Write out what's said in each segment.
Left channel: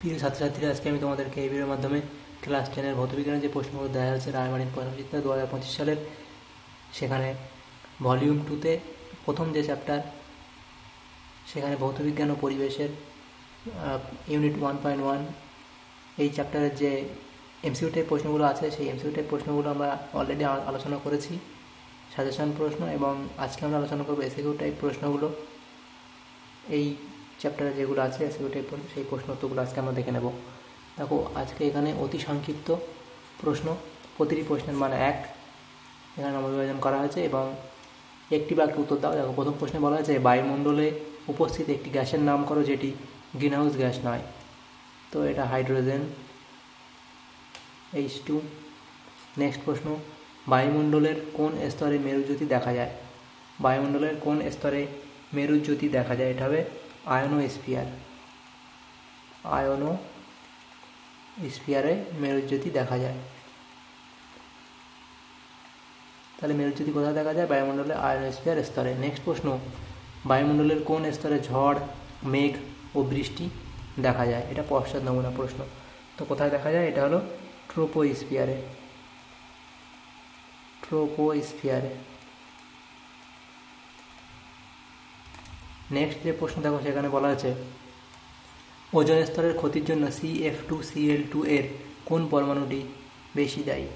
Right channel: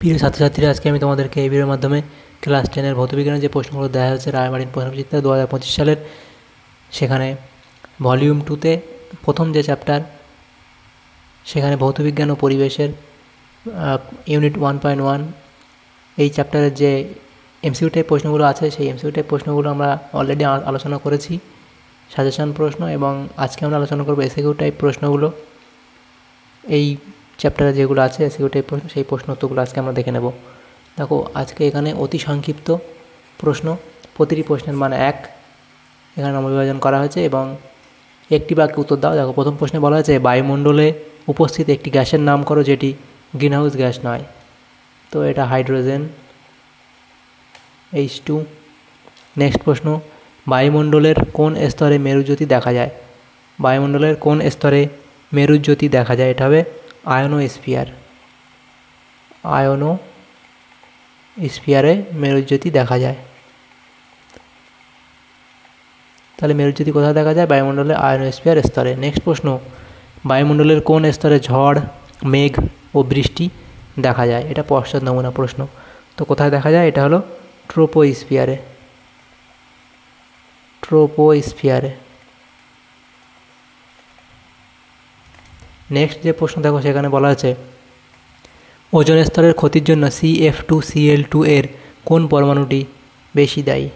প্রিয় ছাত্রছাত্রীরা, আজকে আমি তোমাদেরকে এই ভিডিওর মাধ্যমে ক্লাস 10-এর ভৌতবিজ্ঞানের যে প্রশ্নগুলো দেওয়া হয়েছে রায়মার্টিন প্রশ্নবিচিত্রা 2025 সালের, সেখানে ভলিউম 2-তে প্রথম যে চ্যাপ্টার, সেখানে ভৌতবিজ্ঞান ও পরিবেশের ইউনিট 1.1 এই চ্যাপ্টারের যে এমসিকিউ টাইপ প্রশ্নগুলো আছে, সেই এমসিকিউ টাইপ প্রশ্নগুলো আমরা অলরেডি আলোচনা করেছি, সাজেশন প্রশ্ন, এবং আজকে আমরা আলোচনা করবো এসিকিউ টাইপ প্রশ্নগুলো। এই চ্যাপ্টারে যেগুলো আছে এসিকিউ টাইপ প্রশ্ন, সেই প্রশ্ন উত্তরগুলো আজকে আমরা দেখে নেব। দেখো, আজকে এখানে অতি সংক্ষিপ্ত প্রশ্ন, প্রতিটি প্রশ্নের মান 1, এখানে নম্বর করা হয়েছে এবং একটি বাক্যে উত্তর দাও। দেখো, প্রথম প্রশ্নে বলা হয়েছে বায়ুমণ্ডলে উপস্থিত একটি গ্যাসের নাম করো যেটি গ্রিনহাউস গ্যাস নয়। তো এটা হাইড্রোজেন, H2। নেক্সট প্রশ্ন, বায়ুমণ্ডলের কোন স্তরে মেরুজ্যোতি দেখা যায়? বায়ুমণ্ডলের কোন স্তরে মেরুজ্যোতি দেখা যায়? এটা হবে আয়োনোস্ফিয়ার। আয়োনোস্ফিয়ারে মেরুজ্যোতি দেখা যায়। তাহলে মেরুজ্যোতি কোথায় দেখা যায়? বায়ুমণ্ডলে আয়োনোস্ফিয়ার স্তরে। নেক্সট প্রশ্ন, বায়ুমণ্ডলের কোন স্তরে ঝড়, মেঘ ও বৃষ্টি দেখা যায়? এটা পশ্চাৎ নমুনা প্রশ্ন। তো কোথায় দেখা যায়? এটা হলো ট্রোপোস্ফিয়ারে। ট্রোপোস্ফিয়ারে। নেক্সট যে প্রশ্ন দেখো, সেখানে বলা আছে ওজোন স্তরের ক্ষতির জন্য CF2Cl2 এর কোন পরমাণুটি বেশি দায়ী?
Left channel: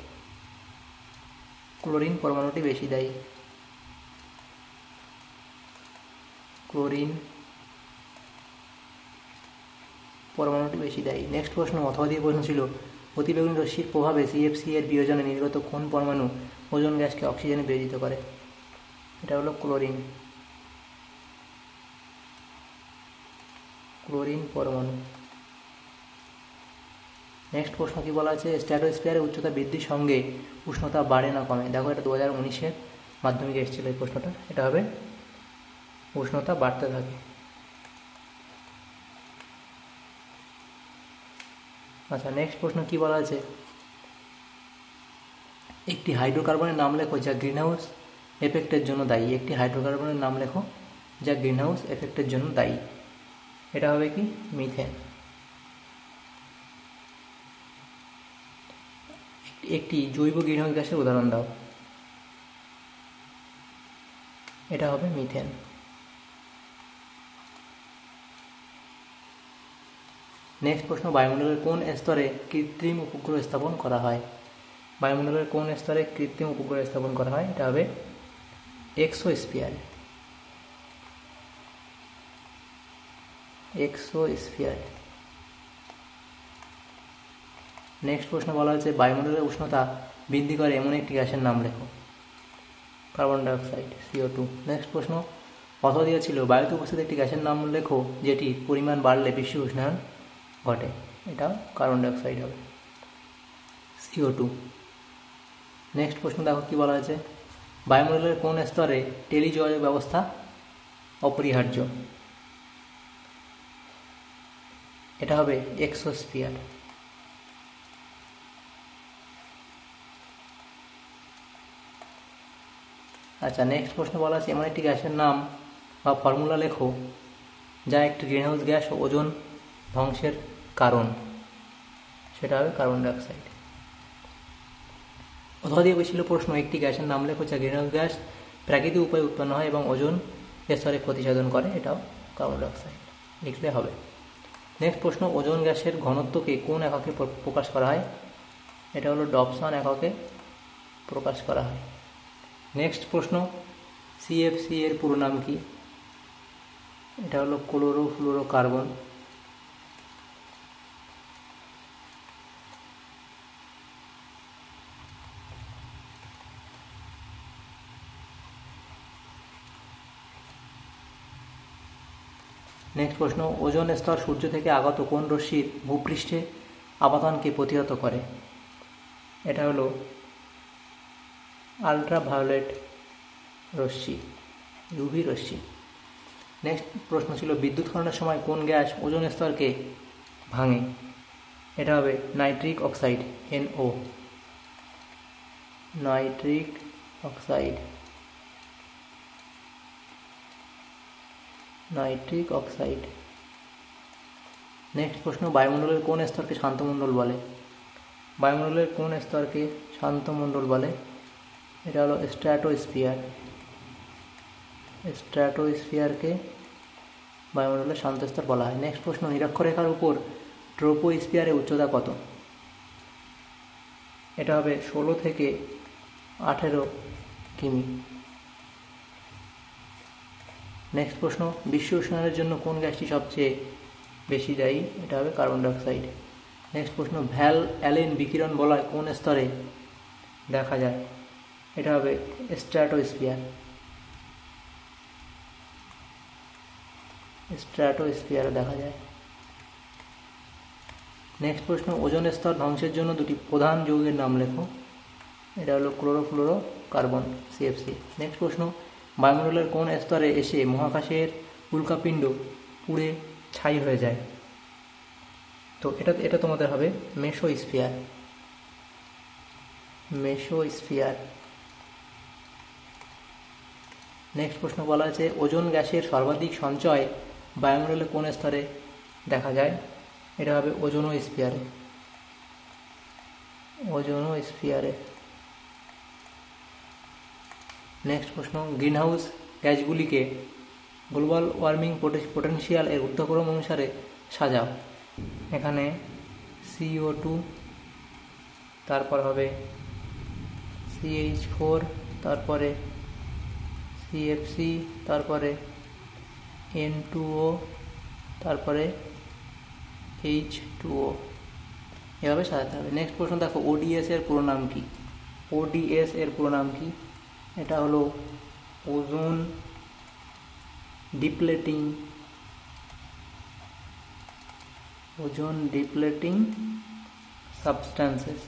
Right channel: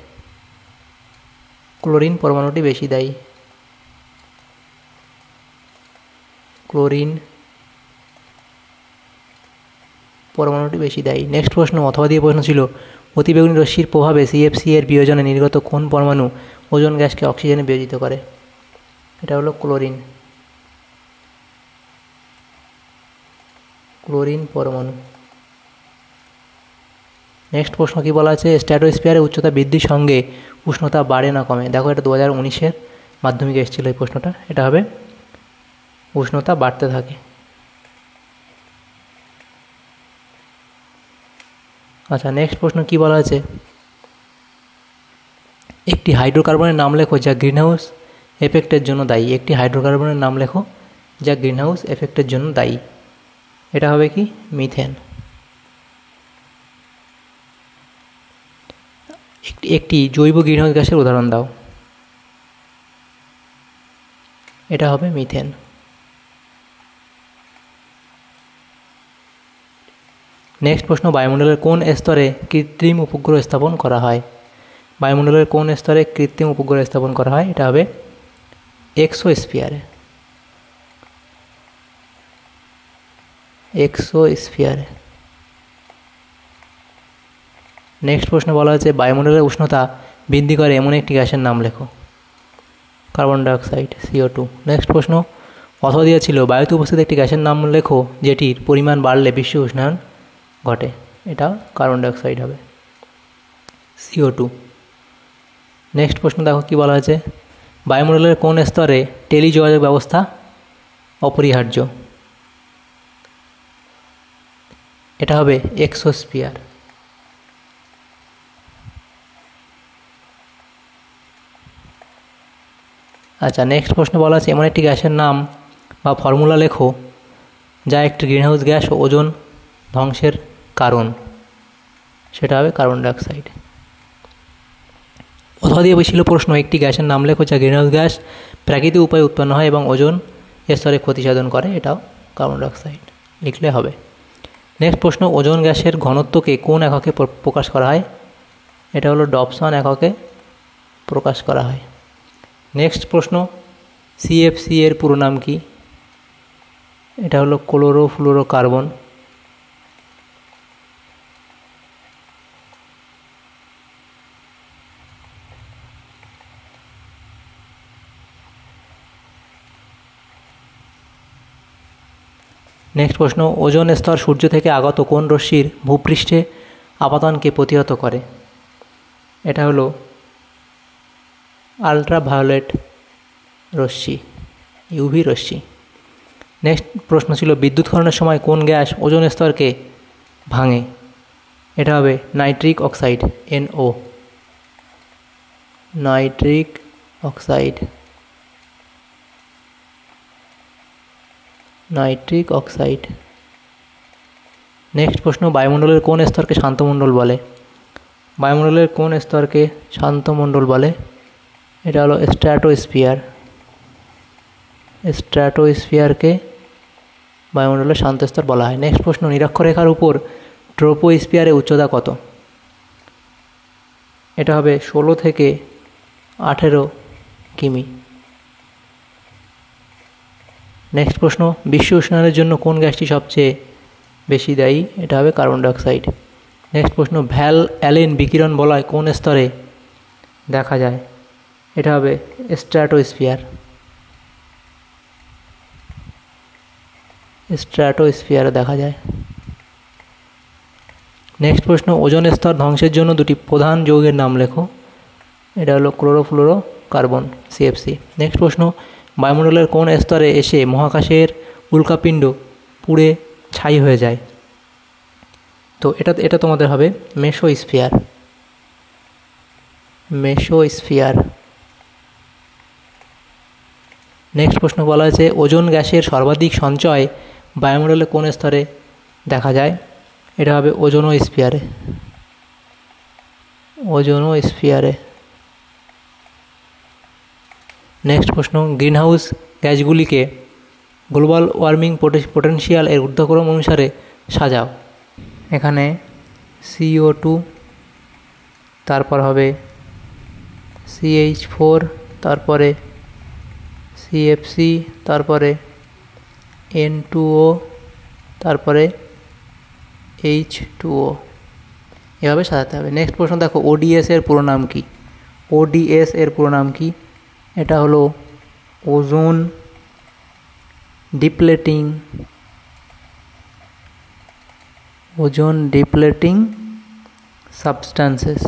ক্লোরিন পরমাণুটি বেশি দায়ী। ক্লোরিন পরমাণুটি বেশি দায়ী। নেক্সট প্রশ্ন অথবা দিয়ে প্রশ্ন ছিল অতিবেগুনি রশ্মির প্রভাবে CFC এর বিয়োজনে নির্গত কোন পরমাণু ওজোন গ্যাসকে অক্সিজেনে বিয়োজিত করে? এটা হলো ক্লোরিন। ক্লোরিন পরমাণু। নেক্সট প্রশ্ন কি বলা আছে? স্ট্র্যাটোস্ফিয়ারের উচ্চতা বৃদ্ধির সঙ্গে উষ্ণতা বাড়ে না কমে? দেখো, এটা 2019-এর মাধ্যমিকে এসেছিলো এই প্রশ্নটা। এটা হবে উষ্ণতা বাড়তে থাকে। আচ্ছা, নেক্সট প্রশ্ন কি বলা আছে? একটি হাইড্রোকার্বনের নাম লেখো যা গ্রিনহাউস এফেক্টের জন্য দায়ী। একটি হাইড্রোকার্বনের নাম লেখো যা গ্রিনহাউস এফেক্টের জন্য দায়ী। এটা হবে কি? মিথেন। একটি জৈব গ্রিনহাউস গ্যাসের উদাহরণ দাও। এটা হবে মিথেন। নেক্সট প্রশ্ন, বায়ুমণ্ডলের কোন স্তরে কৃত্রিম উপগ্রহ স্থাপন করা হয়? বায়ুমণ্ডলের কোন স্তরে কৃত্রিম উপগ্রহ স্থাপন করা হয়? এটা হবে এক্সোস্ফিয়ারে। এক্সোস্ফিয়ারে। নেক্সট প্রশ্ন বলা হয়েছে বায়ুমণ্ডলের উষ্ণতা বৃদ্ধি করে এমন একটি গ্যাসের নাম লেখো। Carbon dioxide, CO2। নেক্সট প্রশ্ন অথবা দিয়েছিল বায়ুতে উপস্থিত একটি গ্যাসের নাম লেখো যেটির পরিমাণ বাড়লে বিশ্ব উষ্ণায়ন ঘটে। এটা কার্বন ডাইঅক্সাইড হবে, CO2। নেক্সট প্রশ্ন দেখো কি বলা হয়েছে, বায়ুমণ্ডলের কোন স্তরে টেলিযোগাযোগ ব্যবস্থা অপরিহার্য? এটা হবে এক্সোস্ফিয়ার। আচ্ছা, নেক্সট প্রশ্ন বলা আছে এমন একটি গ্যাসের নাম বা ফর্মুলা লেখো যা একটি গ্রিনহাউস গ্যাস ও ওজোন ধ্বংসের কারণ। সেটা হবে কার্বন ডাইঅক্সাইড। অথবা দিয়ে ছিল প্রশ্ন একটি গ্যাসের নাম লেখো যা গ্রিনহাউস গ্যাস প্রাকৃতিক উপায়ে উৎপন্ন হয় এবং ওজোন স্তরে ক্ষতি সাধন করে। এটাও কার্বন ডাইঅক্সাইড লিখলে হবে। নেক্সট প্রশ্ন ওজোন গ্যাসের ঘনত্বকে কোন এককে প্রকাশ করা হয়? এটা হলো ডবসন এককে প্রকাশ করা হয়। নেক্সট প্রশ্ন CFC এর পুরো নাম কি? এটা হলো ক্লোরোফ্লুরোকার্বন। নেক্সট প্রশ্ন ওজোন স্তর সূর্য থেকে আগত কোন রশ্মির ভূপৃষ্ঠে আপাতনকে প্রতিহত করে? এটা হলো আলট্রাভায়োলেট রশ্মি, UV রশ্মি। নেক্সট প্রশ্ন ছিল বিদ্যুৎখননের সময় কোন গ্যাস ওজোন স্তরকে ভাঙে? এটা হবে nitric oxide, NO। Nitric oxide. Nitric oxide. Next প্রশ্ন, বায়ুমণ্ডলের কোন স্তরকে শান্তমণ্ডল বলে? বায়ুমণ্ডলের কোন স্তরকে শান্তমণ্ডল বলে? এটা হলো স্ট্র্যাটোস্ফিয়ার। স্ট্র্যাটোস্ফিয়ারকে বায়ুমণ্ডলের শান্ত স্তর বলা হয়। নেক্সট প্রশ্ন, নিরক্ষরেখার উপর ট্রোপোস্ফিয়ারের উচ্চতা কত? এটা হবে 16 থেকে 18 কিমি। নেক্সট প্রশ্ন, বিশ্ব উষ্ণায়নের জন্য কোন গ্যাসটি সবচেয়ে বেশি দায়ী? এটা হবে কার্বন ডাইঅক্সাইড। নেক্সট প্রশ্ন, ভ্যাল অ্যালেন বিকিরণ বলয় কোন স্তরে দেখা যায়? এটা হবে স্ট্র্যাটোস্ফিয়ার। স্ট্র্যাটোস্ফিয়ারে দেখা যায়। নেক্সট প্রশ্ন, ওজোন স্তর ধ্বংসের জন্য দুটি প্রধান যৌগের নাম লেখো। এটা হলো ক্লোরোফ্লোরো কার্বন, CFC। নেক্সট প্রশ্ন, বায়ুমণ্ডলের কোন স্তরে এসে মহাকাশের উল্কাপিণ্ড পুড়ে ছাই হয়ে যায়? তো এটা তোমাদের হবে মেসোস্ফিয়ার। মেসোস্ফিয়ার। নেক্সট প্রশ্ন বলা হয়েছে, ওজোন গ্যাসের সর্বাধিক সঞ্চয় বায়ুমণ্ডলে কোন স্তরে দেখা যায়? এটা হবে ওজোনোস্ফিয়ারে। ওজোনোস্ফিয়ারে। নেক্সট প্রশ্ন, গ্রিনহাউস গ্যাসগুলিকে গ্লোবাল ওয়ার্মিং পোটেনশিয়াল এর ঊর্ধ্বক্রম অনুসারে সাজাও। এখানে CO2, তারপর হবে CH4, তারপরে CFC, তারপরে N2O, তারপরে H2O, এভাবে সাজাতে হবে। নেক্সট প্রশ্ন দেখো, ODS এর পুরো নাম কি? ODS এর পুরো নাম কি? এটা হলো ওজোন ডিপ্লেটিং সাবস্ট্যান্সেস।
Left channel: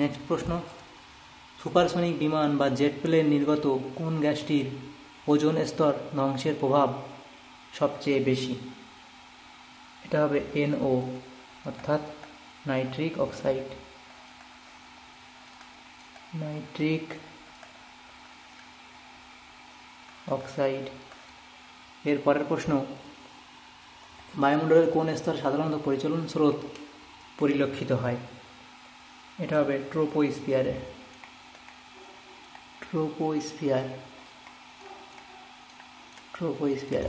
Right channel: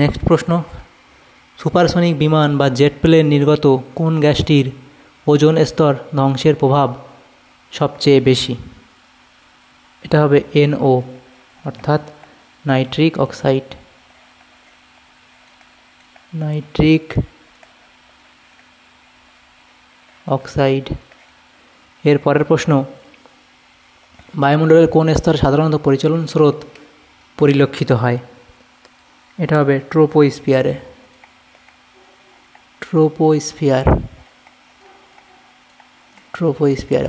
নেক্সট প্রশ্ন, সুপারসনিক বিমান বা জেট প্লেন নির্গত কোন গ্যাসটির ওজোন স্তর ধ্বংসের প্রভাব সবচেয়ে বেশি? এটা হবে NO, অর্থাৎ নাইট্রিক অক্সাইড। Nitric oxide. এর পরের প্রশ্ন, বায়ুমণ্ডলের কোন স্তরে সাধারণত পরিচলন স্রোত পরিলক্ষিত হয়? এটা হবে ট্রোপোস্ফিয়ারে। ট্রোপোস্ফিয়ার।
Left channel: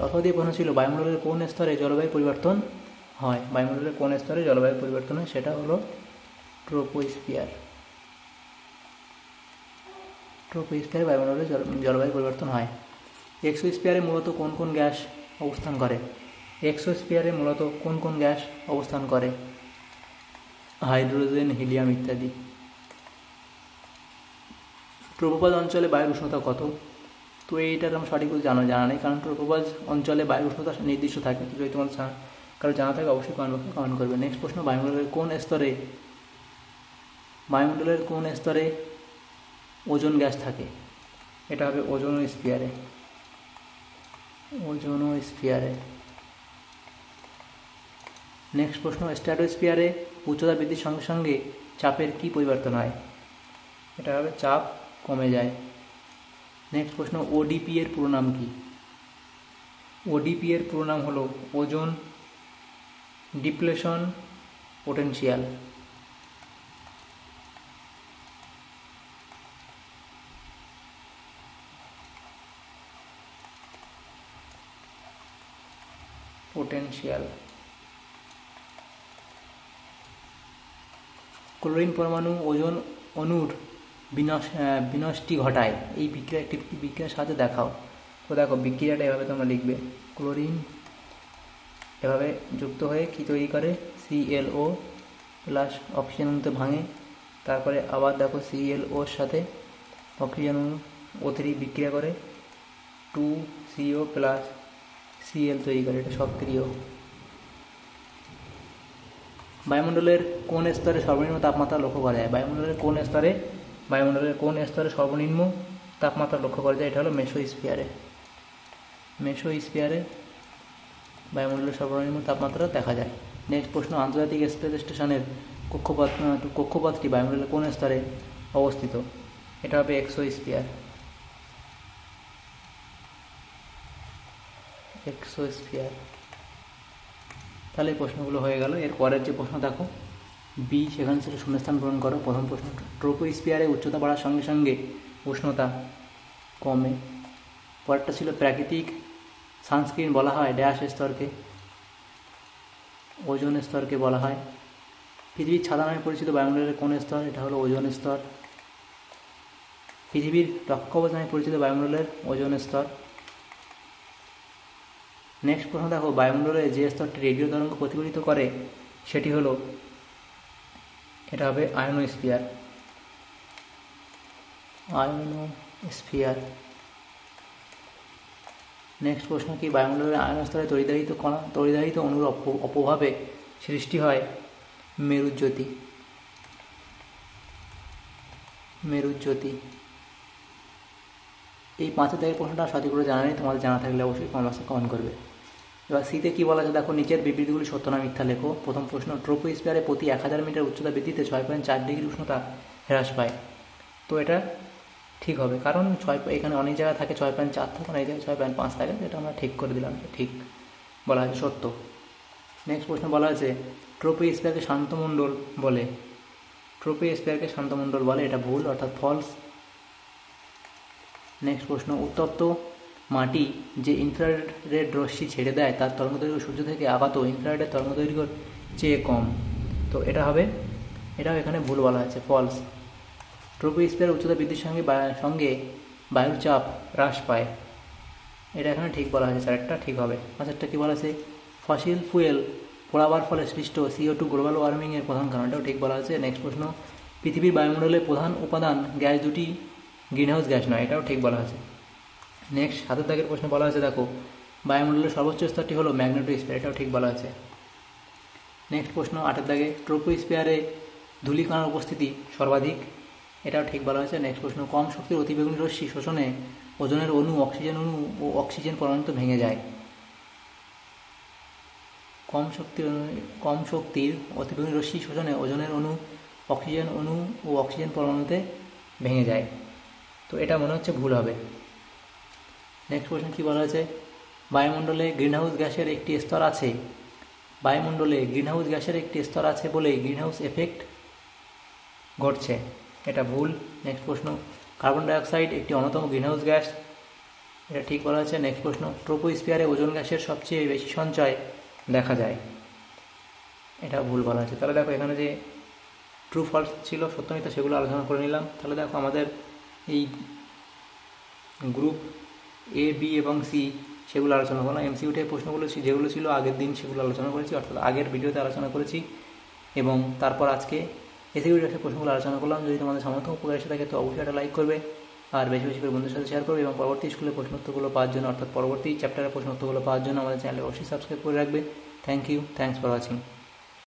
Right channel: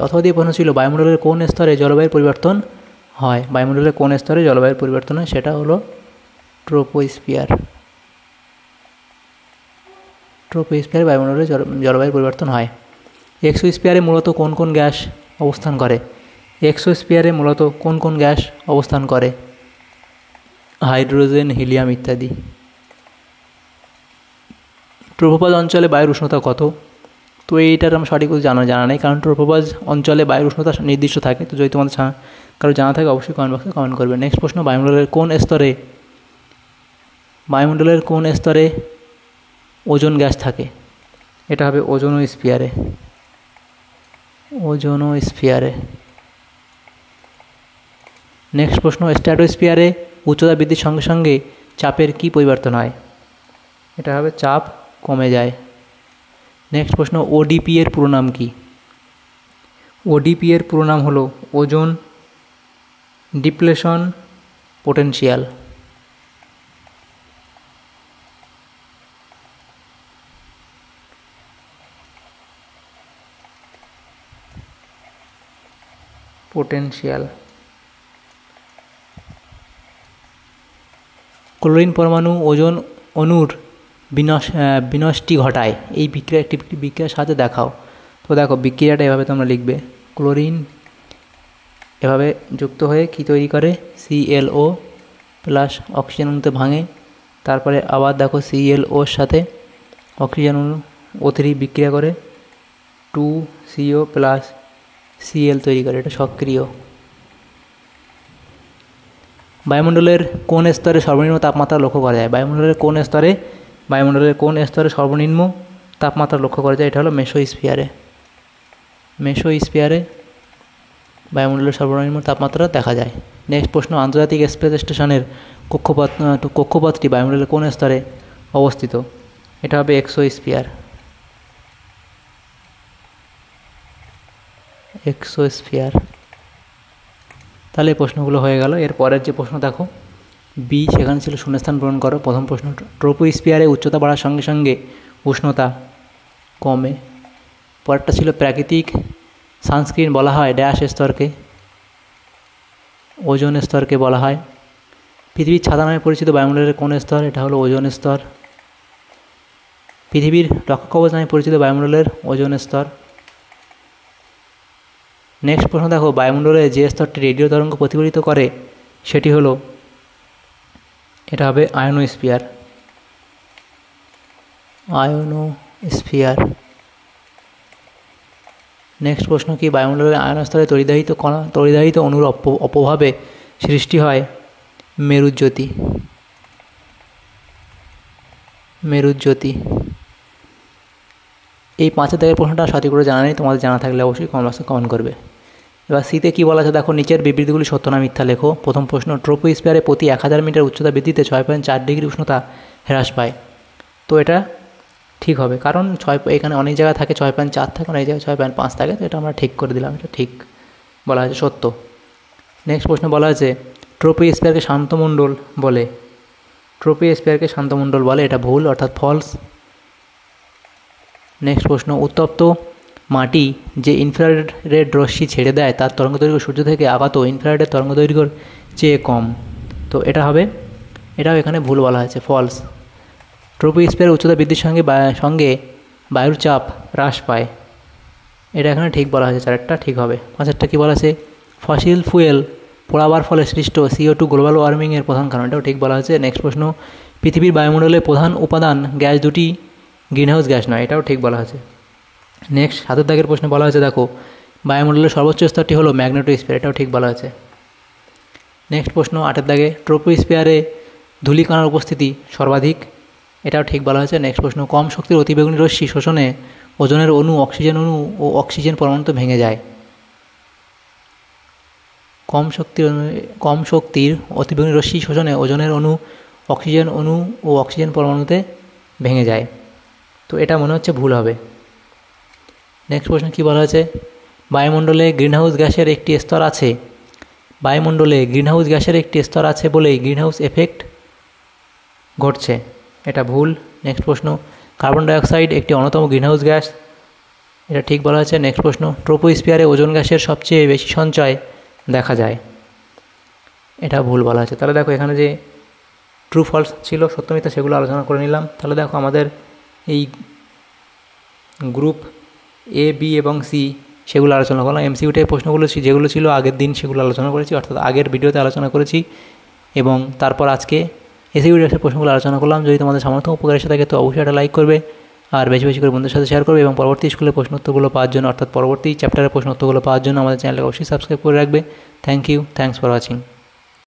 অথবা দিয়ে প্রশ্ন ছিল, বায়ুমণ্ডলের কোন স্তরে জলবায়ুর পরিবর্তন হয়? বায়ুমণ্ডলের কোন স্তরে জলবায়ুর পরিবর্তন হয়? সেটা হলো ট্রোপোস্ফিয়ার। ট্রোপোস্ফিয়ারে বায়ুমণ্ডলের জলবায়ুর পরিবর্তন হয়। এক্সোস্ফিয়ারে মূলত কোন কোন গ্যাস অবস্থান করে? এক্সোস্ফিয়ারে মূলত কোন কোন গ্যাস অবস্থান করে? হাইড্রোজেন, হিলিয়াম ইত্যাদি। ট্রোপোপজ অঞ্চলে বায়ুর উষ্ণতা কত? তো এইটার আমার সঠিক জানা নেই, কারণ ট্রোপোপজ অঞ্চলে বায়ুর উষ্ণতা নির্দিষ্ট থাকে। তো যদি তোমাদের কারো জানা থাকে অবশ্যই কমেন্ট বক্সে কমেন্ট করবে। নেক্সট প্রশ্ন, বায়ুমণ্ডলের কোন স্তরে ওজোন গ্যাস থাকে? এটা হবে ওজোনোস্ফিয়ারে। নেক্সট প্রশ্ন, স্ট্র্যাটোস্ফিয়ারে উচ্চতা বৃদ্ধির সঙ্গে সঙ্গে চাপের কি পরিবর্তন হয়? এটা হবে চাপ কমে যায়। নেক্সট প্রশ্ন, ODP এর পুরো নাম কি? ODP এর পুরো নাম হলো ওজোন ডিপ্লেশন পোটেনশিয়াল। ক্লোরিন পরমাণু ওজোন অণুর বিনষ্টি ঘটায়। এই একটি বিক্রিয়ার সাথে দেখাও। তো দেখো, বিক্রিয়াটা এভাবে তোমরা লিখবে। ক্লোরিন এভাবে যুক্ত হয়ে কি তৈরি করে? ClO প্লাস অক্সিজেন অণুতে ভাঙে। তারপরে আবার দেখো ClOর সাথে অক্সিজেন অণু O3 বিক্রিয়া করে 2CO প্লাস Cl তৈরি করে। এটা সক্রিয়। বায়ুমণ্ডলের কোন স্তরে সর্বনিম্ন তাপমাত্রা লক্ষ্য করা যায়? বায়ুমণ্ডলের কোন স্তরে সর্বনিম্ন তাপমাত্রা লক্ষ্য করা যায়? এটা হলো মেসোস্ফিয়ারে। বায়ুমণ্ডলের সর্বনিম্ন তাপমাত্রা দেখা যায়। নেক্সট প্রশ্ন, আন্তর্জাতিক স্পেস স্টেশনের কক্ষপথটি বায়ুমণ্ডলের কোন স্তরে অবস্থিত? এটা হবে এক্সোস্ফিয়ার। এক্সোস্ফিয়ার। তাহলে এই প্রশ্নগুলো হয়ে গেল। এর পরের যে প্রশ্ন দেখো বি, সেখানে ছিল শূন্যস্থান পূরণ করো। প্রথম প্রশ্ন, ট্রোপোস্ফিয়ারে উচ্চতা বাড়ার সঙ্গে সঙ্গে উষ্ণতা কমে। পরেরটা ছিল প্রাকৃতিক সানস্ক্রিন বলা হয় ড্যাশ স্তরকে, ওজোন স্তরকে বলা হয়। পৃথিবীর ছাতা নামে পরিচিত বায়ুমণ্ডলের কোন স্তর? এটা হলো ওজোন স্তর। পৃথিবীর রক্ষা কবচ নামে পরিচিত বায়ুমণ্ডলের ওজোন স্তর। নেক্সট প্রশ্ন দেখো, বায়ুমণ্ডলে যে স্তরটি রেডিও তরঙ্গ প্রতিফলিত করে সেটি হলো, এটা হবে আয়নোস্ফিয়ার। আয়নোস্ফিয়ার। নেক্সট প্রশ্ন কি, বায়ুমণ্ডলের আয়নস্তরে তড়িদাহিত অণুর অপভাবে সৃষ্টি হয় মেরুজ্যোতি। মেরুজ্যোতি। এই 5 দাগের প্রশ্নটা সঠিক করে জানা নেই, তোমাদের জানা থাকলে অবশ্যই কমেন্ট বক্সে কমেন্ট করবে। এবার সিতে কী বলা আছে দেখো, নিচের বিবৃতিগুলি সত্য না মিথ্যা লেখো। প্রথম প্রশ্ন, ট্রোপোস্ফিয়ারে প্রতি 1000 মিটার উচ্চতা বৃদ্ধিতে 6.4 ডিগ্রি উষ্ণতা হ্রাস পায়। তো এটা ঠিক হবে, কারণ এখানে অনেক জায়গায় থাকে 6.4 থাকে, অনেক জায়গায় 6.5 থাকে, তো এটা আমরা ঠিক করে দিলাম, এটা ঠিক বলা হয়েছে, সত্য। নেক্সট প্রশ্ন বলা আছে ট্রোপোস্ফিয়ারকে শান্তমণ্ডল বলে। ট্রোপোস্ফিয়ারকে শান্তমণ্ডল বলে, এটা ভুল অর্থাৎ ফলস। নেক্সট প্রশ্ন, উত্তপ্ত মাটি যে ইনফ্রারেড রশ্মি ছেড়ে দেয় তার তরঙ্গদৈর্ঘ্য সূর্য থেকে আগত ইনফ্রারেডের তরঙ্গদৈর্ঘ্যের চেয়ে কম। তো এটা হবে, এটাও এখানে ভুল বলা হয়েছে, ফলস। ট্রোপোস্ফিয়ার উচ্চতা বৃদ্ধির সঙ্গে বায়ুর চাপ হ্রাস পায়, এটা এখানে ঠিক বলা হয়েছে, চারটা ঠিক হবে। 5টা কী বলা আছে, ফসিল ফুয়েল পোড়াবার ফলে সৃষ্ট CO2 গ্লোবাল ওয়ার্মিংয়ের প্রধান কারণ, এটাও ঠিক বলা হয়েছে। নেক্সট প্রশ্ন, পৃথিবীর বায়ুমণ্ডলের প্রধান উপাদান গ্যাস দুটি গ্রিনহাউস গ্যাস নয়, এটাও ঠিক বলা হয়েছে। নেক্সট 7 দাগের প্রশ্নে বলা হয়েছে দেখো, বায়ুমণ্ডলের সর্বোচ্চ স্তরটি হলো ম্যাগনেটোস্ফিয়ার, এটাও ঠিক বলা হয়েছে। নেক্সট প্রশ্ন 8 দাগে, ট্রোপোস্ফিয়ারে ধূলিকণার উপস্থিতি সর্বাধিক, এটাও ঠিক বলা হয়েছে। নেক্সট প্রশ্ন, কম শক্তির অতিবেগুনি রশ্মি শোষণে ওজনের অণু অক্সিজেন অণু ও অক্সিজেন পরমাণুতে ভেঙে যায়। কম শক্তির অতিবেগুনি রশ্মি শোষণে ওজনের অণু অক্সিজেন অণু ও অক্সিজেন পরমাণুতে ভেঙে যায়, তো এটা মনে হচ্ছে ভুল হবে। নেক্সট প্রশ্ন কী বলা হয়েছে, বায়ুমণ্ডলে গ্রিনহাউস গ্যাসের একটি স্তর আছে। বায়ুমণ্ডলে গ্রিনহাউস গ্যাসের একটি স্তর আছে বলেই গ্রিনহাউস এফেক্ট ঘটছে, এটা ভুল। নেক্সট প্রশ্ন, কার্বন ডাইঅক্সাইড একটি অন্যতম গ্রিনহাউস গ্যাস, এটা ঠিক বলা হয়েছে। নেক্সট প্রশ্ন, ট্রোপোস্ফিয়ারে ওজোন গ্যাসের সবচেয়ে বেশি সঞ্চয় দেখা যায়, এটা ভুল বলা হয়েছে। তাহলে দেখো এখানে যে ট্রু ফলস ছিল, সত্য মিথ্যা, সেগুলো আলোচনা করে নিলাম। তাহলে দেখো আমাদের এই গ্রুপ A, B এবং C সেগুলো আলোচনা করলাম। MCQতে প্রশ্নগুলো যেগুলো ছিল আগের দিন সেগুলো আলোচনা করেছি, অর্থাৎ আগের ভিডিওতে আলোচনা করেছি, এবং তারপর আজকে এসিকিউটিভের প্রশ্নগুলো আলোচনা করলাম। যদি তোমাদের সামর্থ্য উপকার এসে থাকে তো অবশ্যই একটা লাইক করবে, আর বেশি বেশি করে বন্ধুদের সাথে শেয়ার করবে, এবং পরবর্তী স্কুলের প্রশ্নোত্তরগুলো পাওয়ার জন্য, অর্থাৎ পরবর্তী চ্যাপ্টারের প্রশ্নোত্তরগুলো পাওয়ার জন্য আমাদের চ্যানেলকে অবশ্যই সাবস্ক্রাইব করে রাখবে। Thank you, thanks for watching.